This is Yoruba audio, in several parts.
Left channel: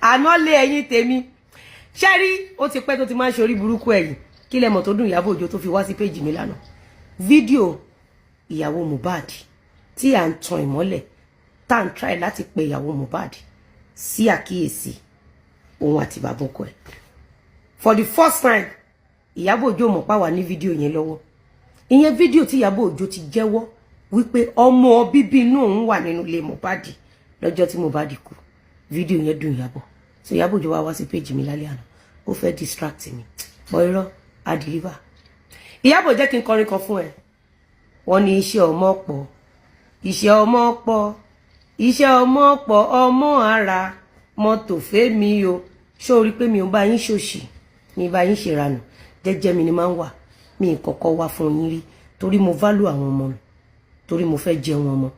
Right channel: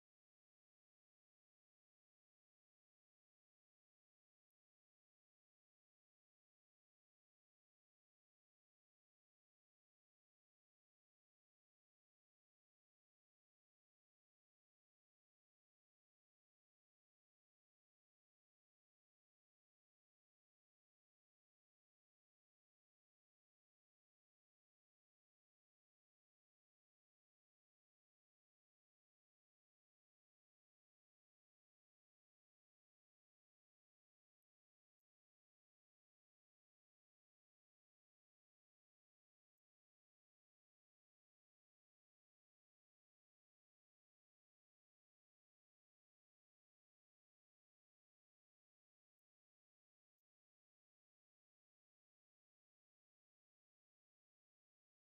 àná lé ẹ̀yin tèmi ṣẹ́rí ó ti pẹ́ tó ti máa ń ṣe orí burúkú ẹ̀yìn kí lẹ́mọ̀ tó dùn Ìyábọ̀ Òjó tó fi wá sí péjì mi lánàá fídíò ìyàwó Mohbad tí à ń tan ìmọ́lẹ̀ tá à ń try láti pe ìyàwó Mohbad sí àkíyèsí òun àti bàbá ọkọ ẹ̀ for the first time Ìyábọ̀ Òjó mọ̀ pa wà ní fídíò yẹn lọ́wọ́ ìyẹn fídíò tí Ìyábọ̀ Òjó ti jẹ́wọ́ wípé ọmọ bíbí inú òun wà nínú ilé Mohbad lọ́jọ́ tí Mohbad kú fídíò yẹn dùn Ìyábọ̀ so Ìyábọ̀ Òjó wá sí péjì mi lálẹ́ àná ó fẹ́ distract mi bọ́ irọ́ á deliver Ìyábọ̀ jẹ́ kí n kọrin kan fún ẹ wọ́n ní iṣẹ́ ọmọ pọ̀ iṣẹ́ ọmọ pọ̀ iṣẹ́ ọmọ pọ̀ ọmọ ara mọ́tò fẹ́mi o ṣó rí pé mi ò bá yín ṣòṣì mi bá yín ṣèranù jẹ́jẹ́ mi ni máa ń wà mi kọ́kọ́ wá fún yín rí torí mo value àwọn ọmọ mi torí mo fẹ́ jẹun ọmọ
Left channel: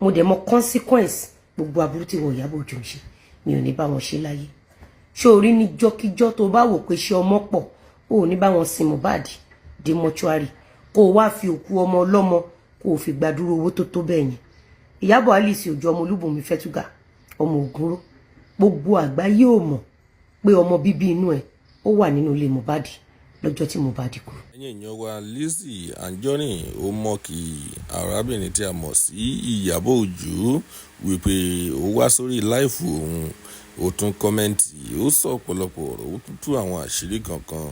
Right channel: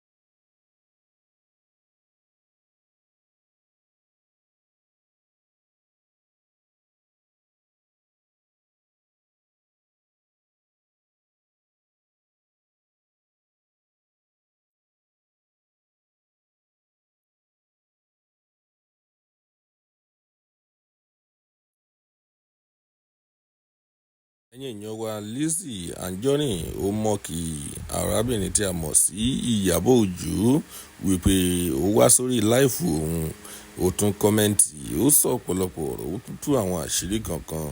mo dẹ̀ mọ consequence gbogbo aburú tí wọ́n Ìyábọ̀ Òjó ń ṣe mi ò ní bá wọn ṣe láyé ṣó rí níjọ́kíjọ́ tó bá wò pé ṣe ọmọ pọ̀ ó ní bá wọn sin Mohbad dé mọ́ṣúárì kó o wá fi òkú ọmọ ọlọ́mọ kó o fi gbàdúró owó tó tó bẹ́ẹ̀ yẹn Ìyábọ̀ Alice Òjó ọmọ Olúbùnmi Fẹ́túgà ọmọ Ògúnró gbogbo àgbáyé ò mọ̀ pé ọmọ bíbí inú ẹ̀ ó wà nínú ilé Mohbad lọ́jọ́ tí Mohbad kú. ẹ̀yin èèyàn wa Lizzy Anjorin ó mọ̀ kí arábìnrin tí a mọ̀ sí Ìyábọ̀ Òjó wípé ó wá sórí láìfù òun ó tún kọ́mẹ́ǹtì ó sọ ọ̀pọ̀lọpọ̀ ọ̀rọ̀ ó tún tú àwọn àṣírí kankan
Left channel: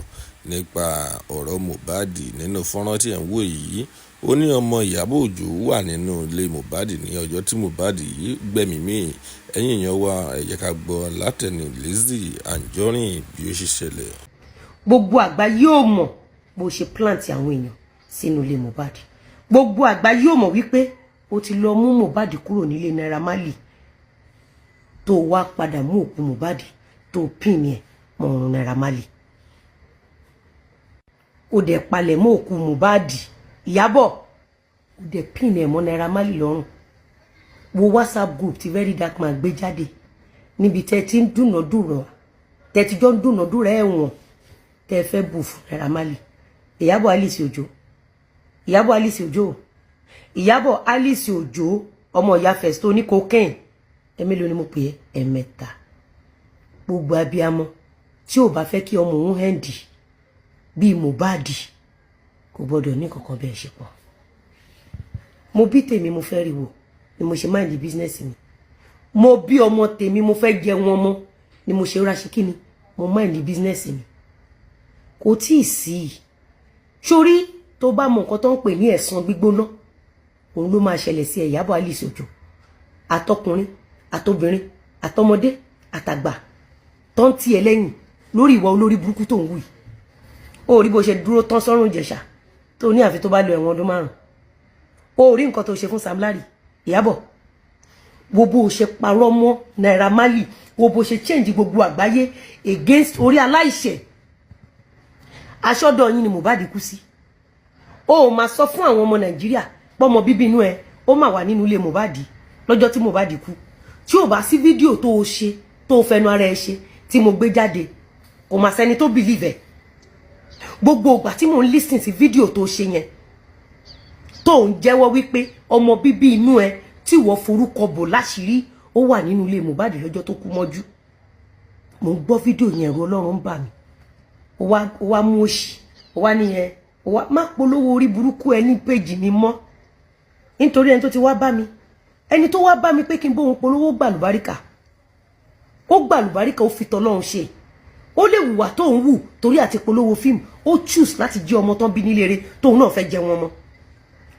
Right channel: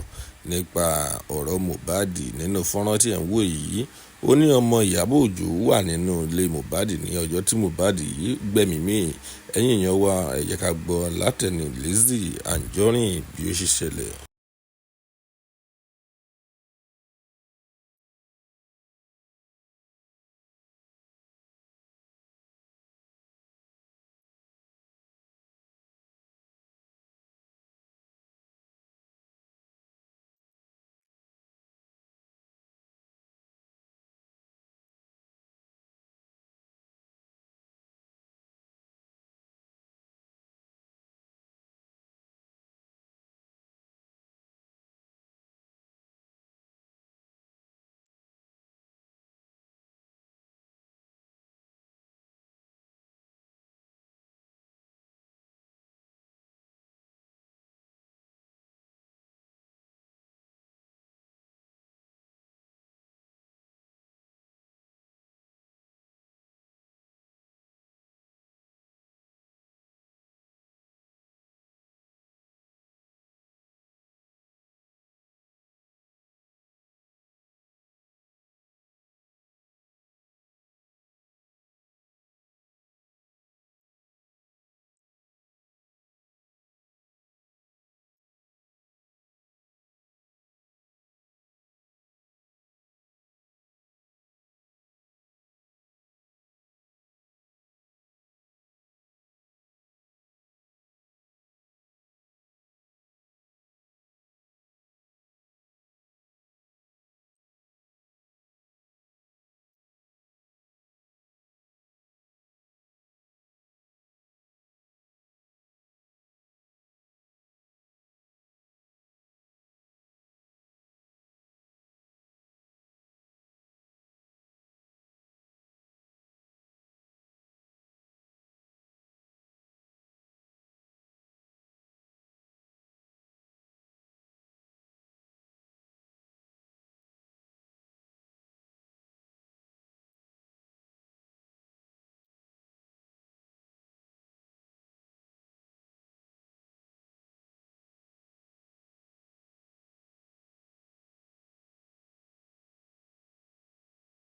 nípa ọ̀rọ̀ Mohbad nínú fọ́nrán tí ẹ̀ ń wò yìí ó ní ọmọ Ìyábọ̀ Òjó wà nínú ilé Mohbad ní ọjọ́ tí Mohbad yìí gbẹ̀mí mì ẹ̀yin èèyàn wa ẹ jẹ́ ká gbọ́ látẹnu Lizzy Anjorin bí ó ṣe ṣẹlẹ̀. gbogbo àgbáyé ò mọ̀ bó ṣe plant àwọn èèyàn sínú ilé Mohbad gbogbo àgbáyé ò mọ̀ wípé ó ti lọ mú Mohbad kúrò nílé Naira Marley tó wá padà mú òkú Mohbad tó pín ẹ̀ mọ́ ọ̀run Naira Marley ó dẹ̀ palẹ̀ mọ́ òkú Mohbad Ìyábọ̀ ó dẹ̀ pín ẹ̀ mọ́ Naira Marley lọ́rùn wo WhatsApp group tí Very Dark Man gbé jáde níbi tẹ́ ti ń dúnàdúrà tẹ́ ti jọ ń dúnàdúrà ẹ̀wọ̀n tẹ́ fẹ́ bù fún Naira Marley Ìyábọ̀ Alice Òjó Ìyábọ̀ Alice Òjó Ìyábọ̀ Alice Òjó ọmọ ìyá Festo ní cocaine ẹ̀mélòó ni mo pè é ẹ̀mẹ́ta gbogbo abiyamọ tí ò bá fẹ́ kí ọmọ òun hẹ́ndì bíi Mohbad kò gbọ́dọ̀ ní kankan bẹ́ẹ̀ ṣe pọ̀ mo bí tèmi mo fẹ́ rí wò ni mo ṣe mind business mi mo bí ọmọ tèmi mo fẹ́ jẹ wọn mọ́ ni mo ṣe ráṣí kíni mo mind business mi kò tí ì sí sórí tó bá mọ nǹkan tó ń pè ní ẹ̀san gbígbóná òun ló máa ṣẹlẹ̀ sí Ìyábọ̀ Alice Òjó àtọkùnrin àtobìnrin àtọmọdé àtàgbà tó ń tiẹ̀ lẹ́yìn lórí ìwà olórí burúkú tó ń wù yìí ó rí bó ṣe dúró tán sọ́rùn Ìjẹ̀ṣà tó ní àfi tó bá lo ẹ̀wọ̀n ọdún 5 ó rí nǹkan tó ṣe fún Sam Larry Ìyábọ̀ wo bó ṣe parọ́ mọ́ Naira Marley wo bó ṣe change gbogbo àgbáyé against orí aláìṣẹ̀ aṣọ́dọ̀ yín ni Mohbad kú sí ó máa sọ fún àwọn ọmọ Nàìjíríà pọ́mọ bíbí inú ẹ ó máa wà nínú ilé Mohbad lọ́jọ́ tí Mohbad kú tí ò bá sí fídíò tó o ṣe tó o fẹnu ara ẹ ṣe tí mo gbé jáde kò máa sẹ́ni tó believe ẹ̀ gbogbo ìgbà tí mo ń listen sí fídíò tó ṣe yẹn tó ń jẹ́wọ́ wípé ọmọ bíbí inú ẹ tí wọ́n forúkọ bò láṣìírí ó wà nínú ilé Mohbad lọ́jọ́ tó kú mọ́jú mo ń gbọ́ fídíò yẹn ẹ̀rù Ọlọ́run ń bà mí ó wá mú òṣì ó wá nìyẹn ó wá má polówó orí burúkú ẹ ní péjì mi mọ́ nítorí ẹni tó ti wá bá mi ẹni tó wá bá mi pé kí n bóun polówó gbàlùbáríkà ó gbàlùbáríkà ó fi tọlọ́run ṣe ó lè wùwà tó ń wù torí àti polówó fíìmù ó choose láti jẹ́ ọmọ tán bí nílé rẹ̀ tóun náà fẹ́ jẹ wọn mọ́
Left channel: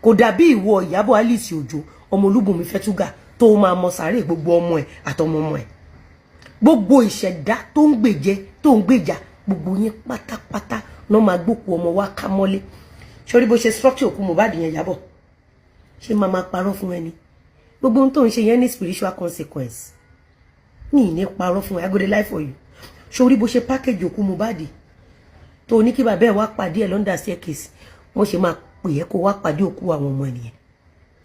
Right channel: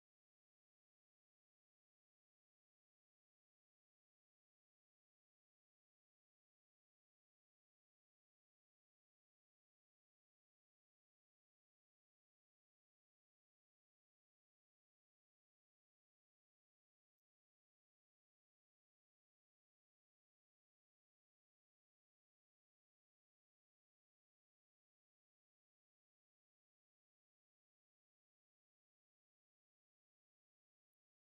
kò dàbí ìwọ Ìyábọ̀ Alice Òjó ọmọ Olúbùnmi Fẹ́túgà tó máa mọ sàárè gbogbo ọmọ ẹ̀ àtọmọ ọmọ ẹ̀ gbogbo ìṣẹ̀dá tó ń gbèjẹ tó ń gbèjà gbogbo yín pátápátá náà máa gbókù ọmọ wa ká mọ́lé sórí bó ṣe structure òkú Mohbad yẹn Ìyábọ̀ ṣé máa parọ́ fún ẹni gbogbo ohun tó ń ṣe yẹn ní spiritual consequence ní ní parọ́ fún ẹ I go dey lie for you sórí bó ṣe package òkú Mohbad tó ní kí bàbá ẹ̀ wá pàdé ẹ̀ lọ́ndà staircase wọ́n ṣe máa pè é kó wá pàdé òkú àwọn ọmọ ènìyàn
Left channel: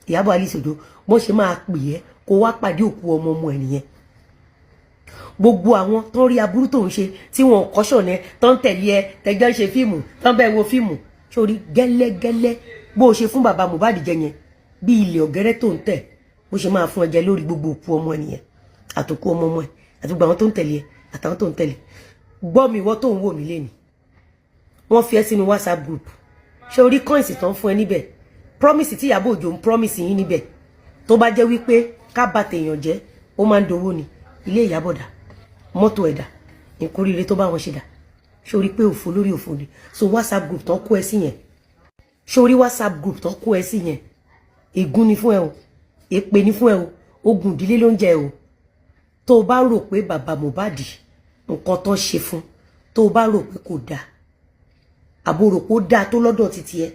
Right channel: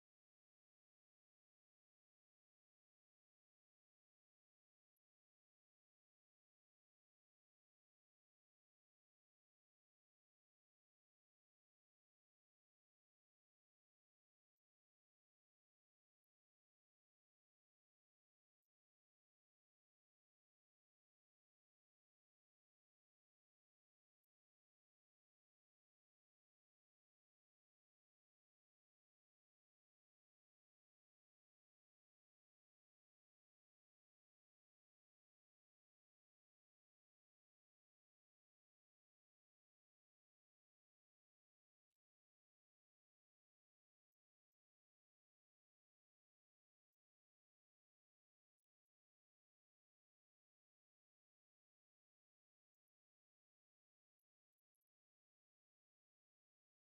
Ìyábọ̀ Alice Òjó wọ́n ṣe máa pè é kó wá pàdé òkú ọmọ ènìyàn gbogbo àwọn tó ń rí aburú tó ń ṣe tí wọn kọ́ṣọ̀ ní tó ń tẹ̀lé ẹ tẹjọ́ ń ṣe fíìmù tó ń bẹ́ẹ̀ wo fíìmù sórí gẹ́lẹ́gẹ́lẹ́ bó ṣe fún bàbá Mohbad jẹ yẹn bí ilé ọ̀gẹ́rẹ́ tó ń tẹ̀ bó ṣe máa fún ẹ jẹ lórí gbogbo òkú ọmọ ènìyàn àtòkú ọmọ ẹ àti gbogbo àwọn tó ń tẹ̀lé ẹ àtàwọn tó ń tẹ̀lé gbọ́ mi ìwọ tó ń wò mí lẹ́nu wọ́n fi ẹ́ sínú WhatsApp group ṣé orí coins tán fún ẹ níbẹ̀ promise tí Ìyábọ̀ Òjó ń promise yín níbẹ̀ tó bá jẹ́ wípé ká bà tèèyàn jẹ́ ó máa ń dowó ni ilé Ìyábọ̀ dà mọ́tò ẹ̀dà ìkórìíre tó bá wọn ṣe dà ṣé orí pé òfò lórí òfò ni so WhatsApp group tán kó ẹ sí yẹn ṣé orí WhatsApp group tán kó ẹ sí yẹn ègún ni fún ẹ o èpè ni fún ẹ o ogun ìdílé ló ń jẹ o tó o bá rò pé bàbá Mohbad nǹkan tó ṣe fún tó o bá rò pé kò dáa àbò rò pé ó dáa tó lọ́dọ̀ títí ẹ